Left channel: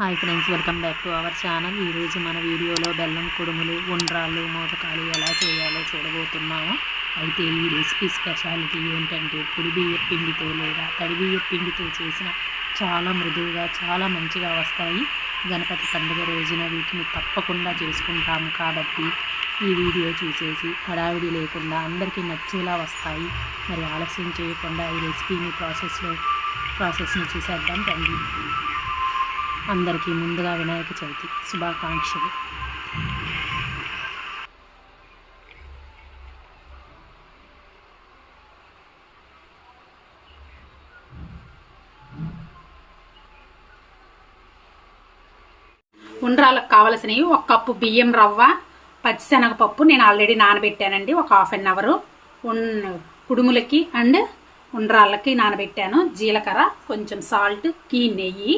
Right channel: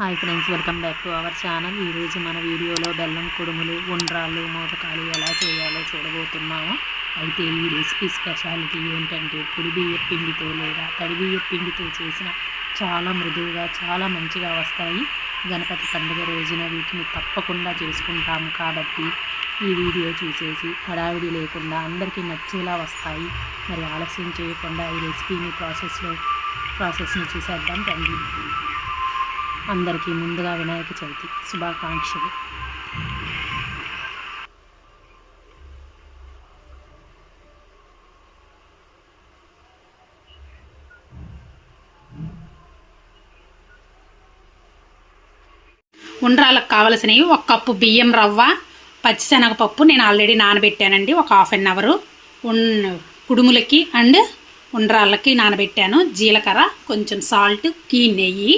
Hi friends welcome back to our channel. ఈరోజు మన వీడియోలో బెల్లం కుడుములు ఉండ్రాళ్ళు మోదకాలు ఎలా చేయాలో చూడబోతున్నాము. అయితే ఈ రెసిపీ స్పెషాలిటీ ఏంటంటే పొడి బియ్య పిండితో లేదా తడి బియ్య పిండితో చేసిన చాలా మృదువుగా చాలా మంచిగా వస్తాయి. గణపతి పండుగ రోజున వీటిని తప్పకుండా చేసుకుంటాము కాబట్టి ఈ వీడియో చూసేసి హడావిడి లేకుండా అందరికీ నచ్చేలా వస్తాయి. మరి ఆలస్యం చేయకుండా ఈ రెసిపీని ప్రాసెస్లో ప్రాసెస్ని చూసేద్దాం రండి. అందరికీ ముందుగా వినాయక చవితి శుభాకాంక్షలు. ఉండ్రాలకు కావలసినవి ఒక కప్పు బియ్యం రవ్వ పచ్చిశనగపప్పు నేను ఆల్రెడీ నానబెట్టానండి ఒక హాఫ్ అన్ అవరు. ఉన్ కుడుములకి అండ్ ఉండ్రాళ్ళకి నానబెట్టాను. జీలకర్ర కొంచెం సాల్ట్ కీ నెయ్యి.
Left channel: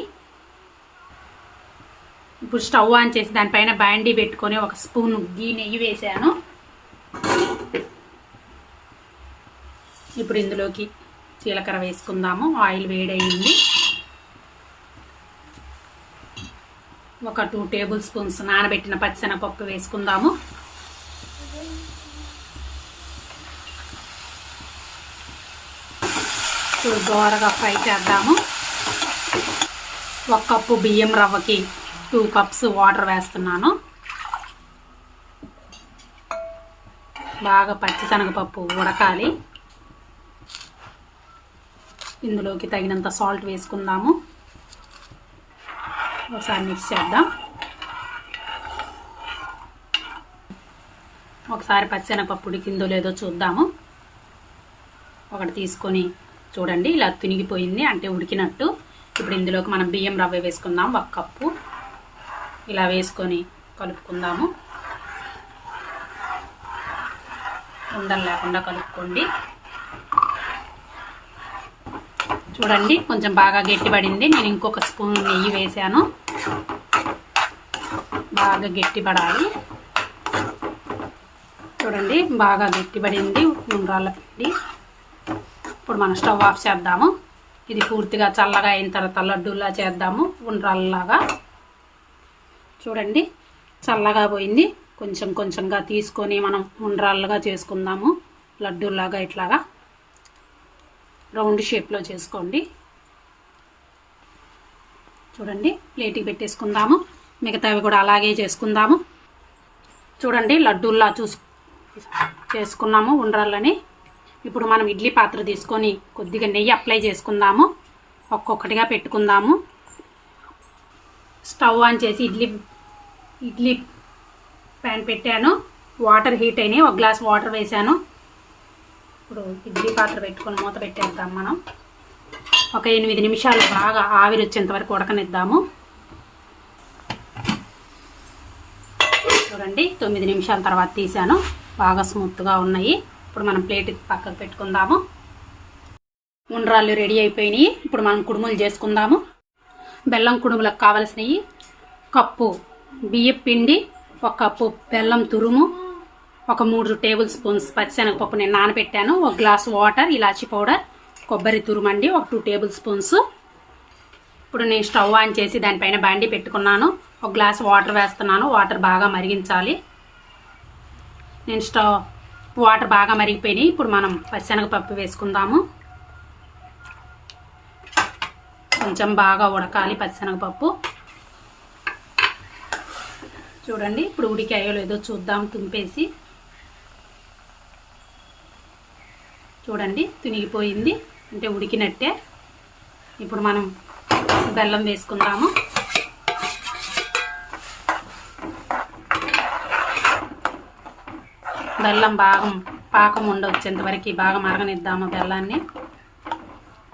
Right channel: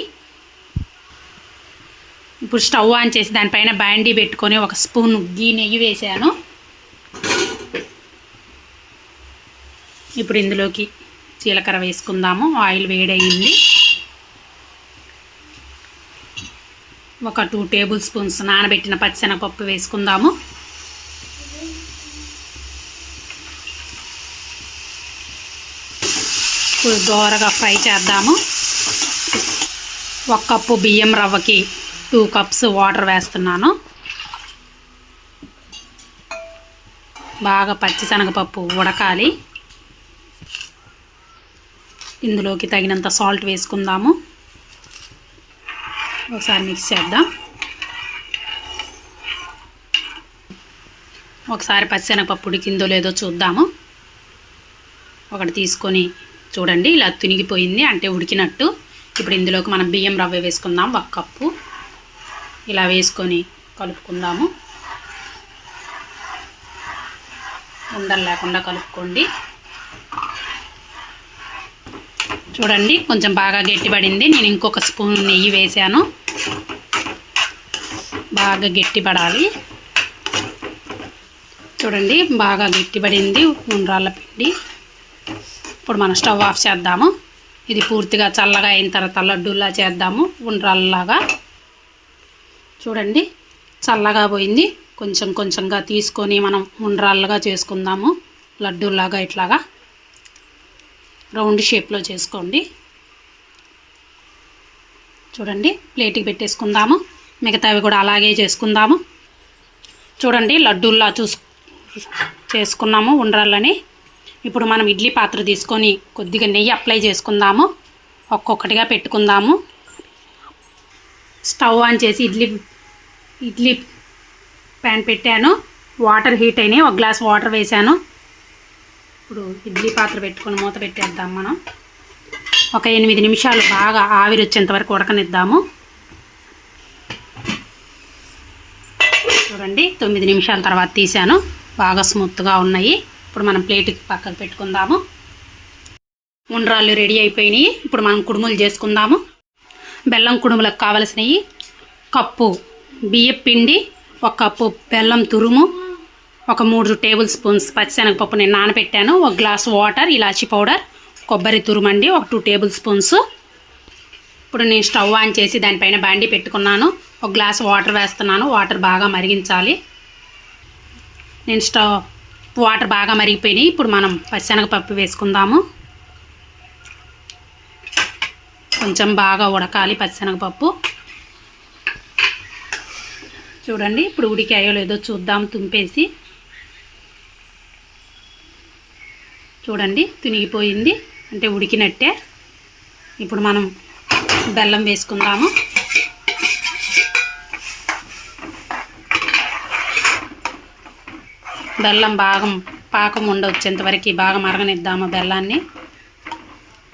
ఇప్పుడు స్టవ్ ఆన్ చేసి దానిపైన బ్యాండీ పెట్టుకొని ఒక స్పూన్ గీ నెయ్యి వేసాను. ఇప్పుడు ఇందులోకి జీలకర్ర వేసుకుందాము. ఆయిల్ వేడయింది. ఒక టూ టేబుల్ స్పూన్స్ నానబెట్టిన పచ్చిశనగపప్పు వేసుకుందాము. ఇప్పుడు దోరగా ఫ్రై చేద్దాము. ఒక కప్పు బియ్యం రవ్వకి టూ కప్స్ వాటర్ వేస్తున్నాను. బాగా పచ్చిశనగపప్పు ఉడకాలి. ఇందులోకి తగినంత సాల్ట్ వేసుకుందాము. ఒకసారి మిక్స్ చేద్దాం. ఒకసారి పచ్చిశనగపప్పు ఉడికిందో లేదో చూద్దాము. ఒకటి తీసుకొని చూడండి ఇలా తునిగిపోయింది అంటే ఉడికినట్టు. ఇప్పుడు ఇందులోకి మనం బియ్యం రవ్వ వేసుకుందాం ఒక కప్పు. ఇలా వేసుకొని కలుపుకుందాము. ఉండలు లేకుండా కలుపుకోండి. చూడండి కొంచెం బాగా గట్టిపడింది. నేను ఇంకొక స్పూన్ నెయ్యి వేసాను బాగా గట్టిపడాలి. చూడండి బాగా గట్టిపడింది ఉండ్రాళ్ళ పిండి. ఇప్పుడు మనం స్టవ్ ఆఫ్ చేద్దాము. ఇది పూర్తిగా చల్లగా అయిన తర్వాత లడ్డూలా చేద్దాము ఉండ్రాళ్ళలాగా. చూడండి చల్లగా పోయింది. కొంచెం కొంచెంగా తీసుకొని మనం ఉండ్రాళ్ళగా చేసుకుందాము. లడ్డూలాగా ఇట్లాగా. రౌండ్ షేప్లో చేసుకోండి. చూడండి ప్లేట్కి పెట్టేసుకుందాము. మిగతావి కూడా అలాగే చేసుకుందాము. చూడండి లడ్డూల్లా చూసు చేసుకున్నాము ఉండ్రాళ్ళని. ఇప్పుడు మనం ఇడ్లీ పాత్ర తీసుకొని కొద్దిగా నెయ్యి అప్లై చేసుకుందాము. ఒక్కొక్కటిగా పెట్టుకుందాము. స్టవ్ ఆన్ చేసి ఇడ్లీ ఇడ్లీ ప్యాన్ పెట్టాను. వాటర్ హీట్ అయినాయి. ఒక గ్లాస్ వాటర్ వేసాను ఇప్పుడు ఇడ్లీ పాత్ర పెట్టుకొని మూత పెట్టేద్దాం మనం. ఒక ఎనిమిది నిమిషాలు బాగా ఆవిరి వచ్చేంత వరకు ఉడకనిద్దాము. చూడండి తొమ్మిది నిమిషాల తర్వాత తీసాను బాగా స్మూత్గా ఉన్నాయి. ఇప్పుడు మనం ప్లేట్కి పక్కకు పెట్టుకుందాము. ఉండ్రాళ్ళు రెడీ అయిపోయినాయి. ఇప్పుడు మనం కుడుములు చేసుకుందాము. బెల్లం కుడుములకు కావలసినవి కప్పు బియ్యం పిండి ఒక కప్పు బెల్లం తురుము ఒక మూడు టేబుల్ స్పూన్స్ పచ్చిశనగపప్పు నేను నానబెట్టాను ఒక గ్లాస్ వాటర్ ఇలాచి పౌడర్ కొబ్బరి తురుమండి ఒక టూ టేబుల్ స్పూన్స్. ఇప్పుడు నేను స్టవ్ ఆన్ చేసి దానిపైన బండి పెట్టుకున్నాను ఒక గ్లాస్ వాటర్ వేస్తున్నాను వాటర్ బాగా మరిగించాలి. నేను స్టవ్ వాటర్ బాగా మరిగిపోయినాయి ఇప్పుడు మనం పచ్చిశనగపప్పు వేసుకుందాము. కొంచెం బాగా ఉడకాలి పచ్చిశనగపప్పు చూడండి ఇప్పుడు ఉడికాయో లేదో చూద్దాం తుంపేసి. చూడండి తునిగిపోయింది. అంటే ఉడికినట్టే. ఇప్పుడు మనం బెల్లం వేసుకుందాము. బెల్లం బాగా పాకం ఉండొచ్చేంతవరకు బాగా మరగనిద్దాము బెల్లాన్ని.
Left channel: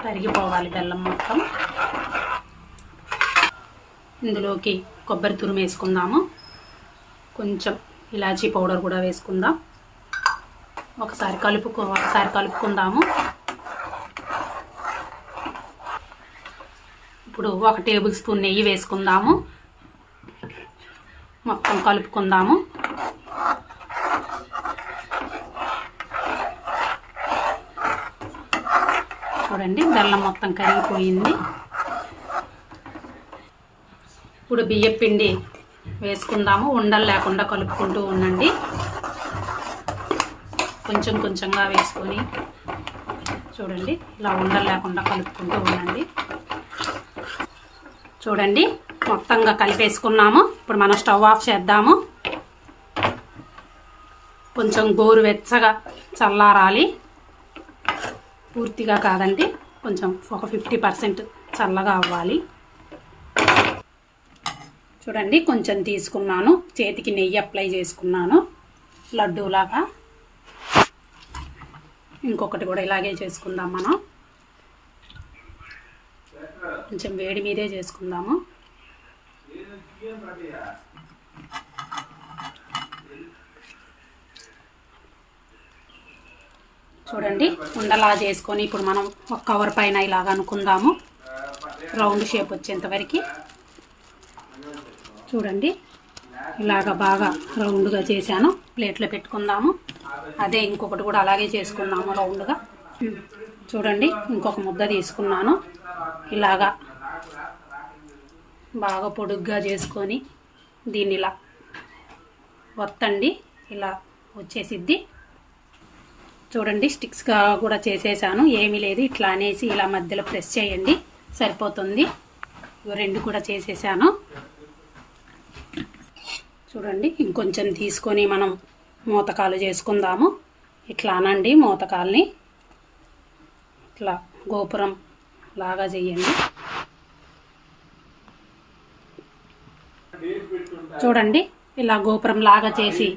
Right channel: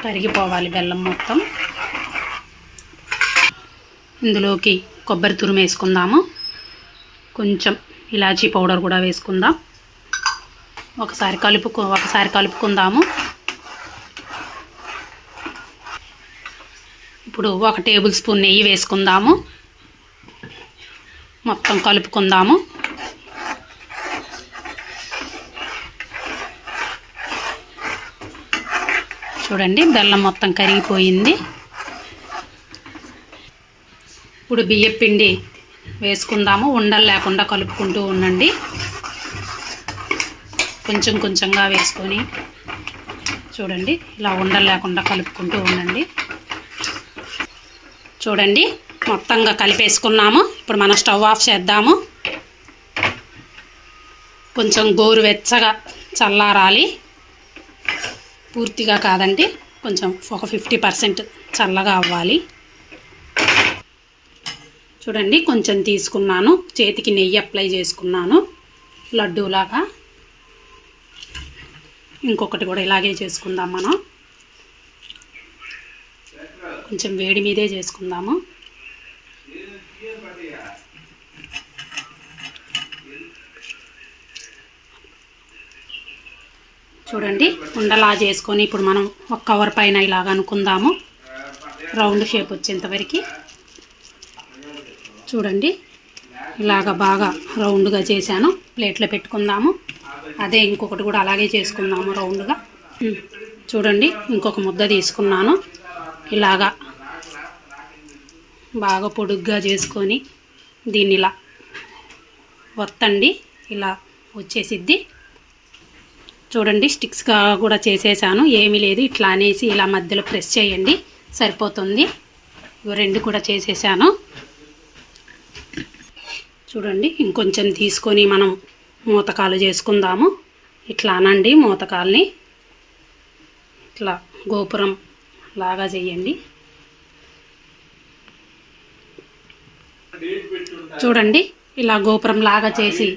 కరిగిపోవాలి బెల్లం మొత్తం. ఇందులోకి కొబ్బరి తురుము వేసుకుందాము. కొంచెం ఇలాచీ పౌడర్ కూడా వేసుకుందాం. ఒకసారి కలుపుకు ఒకసారి కలుపుకుందాము. ఇప్పుడు ఒక టేబుల్ స్పూన్ నెయ్యి వేసుకుందాము. మొత్తం కలుపుకుందాము. చూడండి బెల్లం మొత్తం కరిగిపోయింది. ఇప్పుడు బియ్యం పిండి వేసుకుందాము. ఉండలు లేకుండా కలుపుకుంటూ ఉండండి. కొంచెం కొంచెంగా వేసుకొని చూడండి. ఇలా ఉండలు లేకుండా కలుపుకుంటూ ఉండండి. చూడండి. మొత్తంగా కలిపేసుకున్నాము. ఇప్పుడు మనం స్టవ్ ఆఫ్ చేద్దాము. కొంచెం గోరువెచ్చగా చల్లారాలి. పూర్తిగా కాదండి. కొంచెం ఒక ఫిఫ్టీ పర్సెంట్ చల్లగా అవ్వాలి. చూడండి కొంచెం తీసుకున్నాను. చేతికి నెయ్యి అప్లై చేసుకున్నాను. లడ్డూలాగా. ఇంకొకటి కూడా ఇలాగే చేసుకుందాం మనం. కొంచెం వేడి మీదే చేసుకుందాము. చూడండి ఉండలా చేసుకొని ఇప్పుడు మనం ఒక కవర్ పైన ఇలాగ అనుకుందాము. రౌండ్ షేప్ వచ్చేంతవరకు చూడండి. ఇలాగ బాగా రౌండ్గా చేశాను. ప్లేట్లో పెట్టుకుందాము. అదే ఇంకొకటి కూడా అలాగే చేసుకుందాము రౌండ్గా. చూడండి ఇంకొక ముద్ద తీసుకున్నాను. ఇలాగా బాగా పొడుగ్గా చేసుకొని దీన్ని ఇలా వత్తండి. ఇలా వచ్చేసిద్ది. చూడండి స్టిక్స్గా కూడా చేసేసాను. ఏమీ లేదు. ఇట్లా అనేసి ఇలా మధ్యలో ప్రెస్ చేయండి. సరిపోతుంది. ఇవి రెండు కూడా చేసేసాను. చూడండి ఇంకొంచెం తీసుకొని మనం మూతకాలు చేసుకుందాము. ఇట్లా అనండి మూతకాల్ని. ఇట్లా గోపురం లాగా చేయండి. చూడండి ఇలా గోపురం లాగా చేసి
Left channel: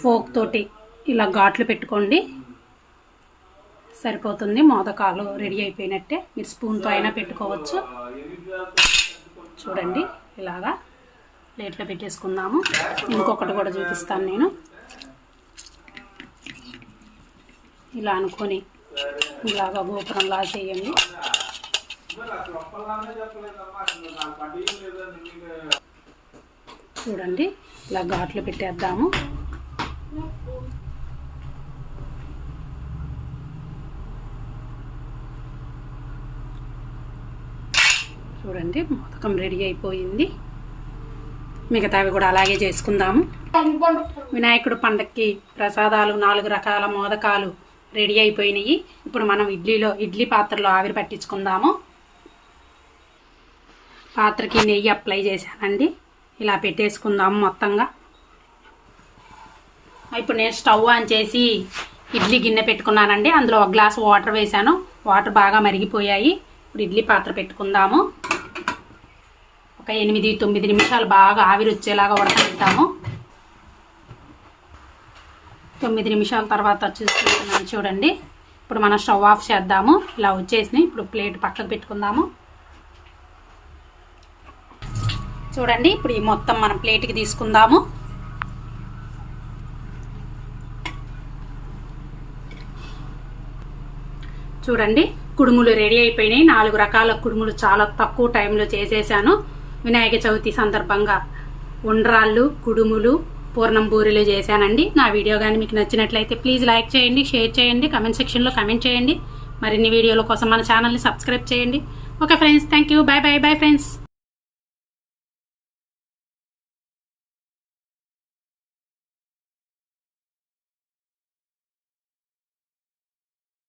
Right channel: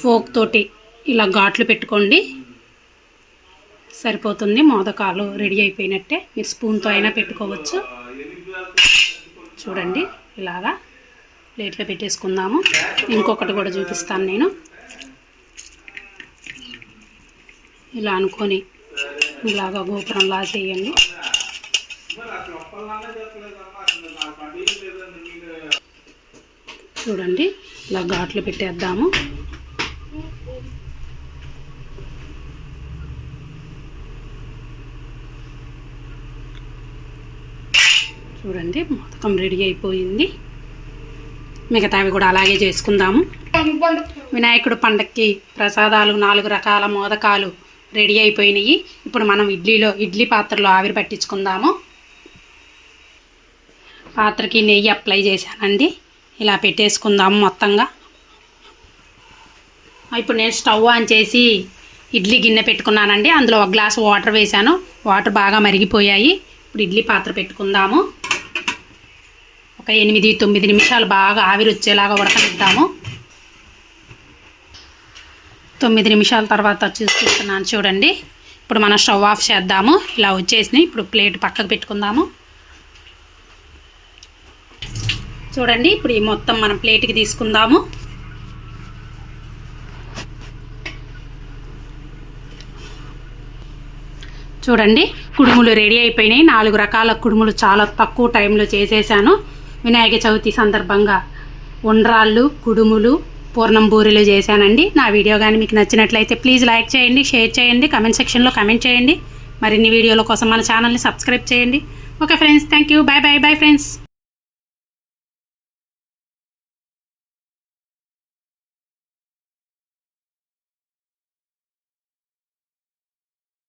ఫోక్ తోటి ఇలా ఘాట్లు పెట్టుకోండి. సరిపోతుంది మోదకాలు రెడీ అయిపోయినట్టే. మీరు స్పూన్తో అయినా పెట్టుకోవచ్చు. చూడండి ఇలాగా. ప్లేట్లో పెట్టేసుకుందాము. ఇంకొకటి కూడా చూపిస్తాను నేను. ఇలా అనుకొని ఇలాగా గోపురంలా చేయండి. చూడండి ఇలా ఘాట్లు పెట్టేద్దాము. చూడండి మొదకం రెడీ అయిపోయింది. మిగతావి కూడా అలాగే చేసుకుందాము. వినాయకుడు పండక్కి ప్రసాదాలు నాలుగు రకాల మోదకాలు రెడీ అయిపోయినాయి. ఇప్పుడు మనం ఇడ్లీలో ఇడ్లీ పాత్రలో ఆవిరి పట్టించుకుందాము. పాత్రకి నెయ్యి అప్లై చేశానండి. ఇలా పెట్టేసుకుందాము మొత్తంగా. ఇప్పుడు నేను స్టవ్ ఆన్ చేసి ఇడ్లీ గిన్నె పెట్టుకున్నానండి. అందులో ఒక గ్లాస్ వాటర్ వేశాను. వాటర్ బాగా మరిగిపోయాయి. ఇప్పుడు ఇడ్లీ పాత్ర పెట్టుకుందాము. ఒక ఎనిమిది తొమ్మిది నిమిషాలు బాగా ఆవిరి వచ్చేలాగా ఉడకనిద్దాము. తొమ్మిది నిమిషాల తర్వాత చూస్తున్నాను చూడండి. ఇప్పుడు మనం స్టవ్ ఆఫ్ చేద్దాము. ఇలా వచ్చేసినాయి. ఇప్పుడు ప్లేట్ పక్కకు పెట్టుకుందాము. చూడండి ఇప్పుడు ఈ మొత్తం మనం ప్లేట్కి తీసుకుందాము. చూడండి కుడుములు రెడీ అయిపోయినాయి. నాలుగు రకాల కుడుములు చాలా తక్కువ టైంలో చేసేసాను. వినాయక చవితి సందర్భంగా ఉండ్రాళ్ళు కుడుములు పూర్ణం బూరెలు చేశానండి. నా వీడియో కానీ మీకు నచ్చినట్లయితే ప్లీజ్ లైక్ చేయండి షేర్ చేయండి కమెంట్ సెక్షన్లో కమెంట్ చేయండి. మరిన్ని వీడియోల కోసం మన ఛానల్ని సబ్స్క్రైబ్ చేయండి. Okay friends thank you bye bye bye friends.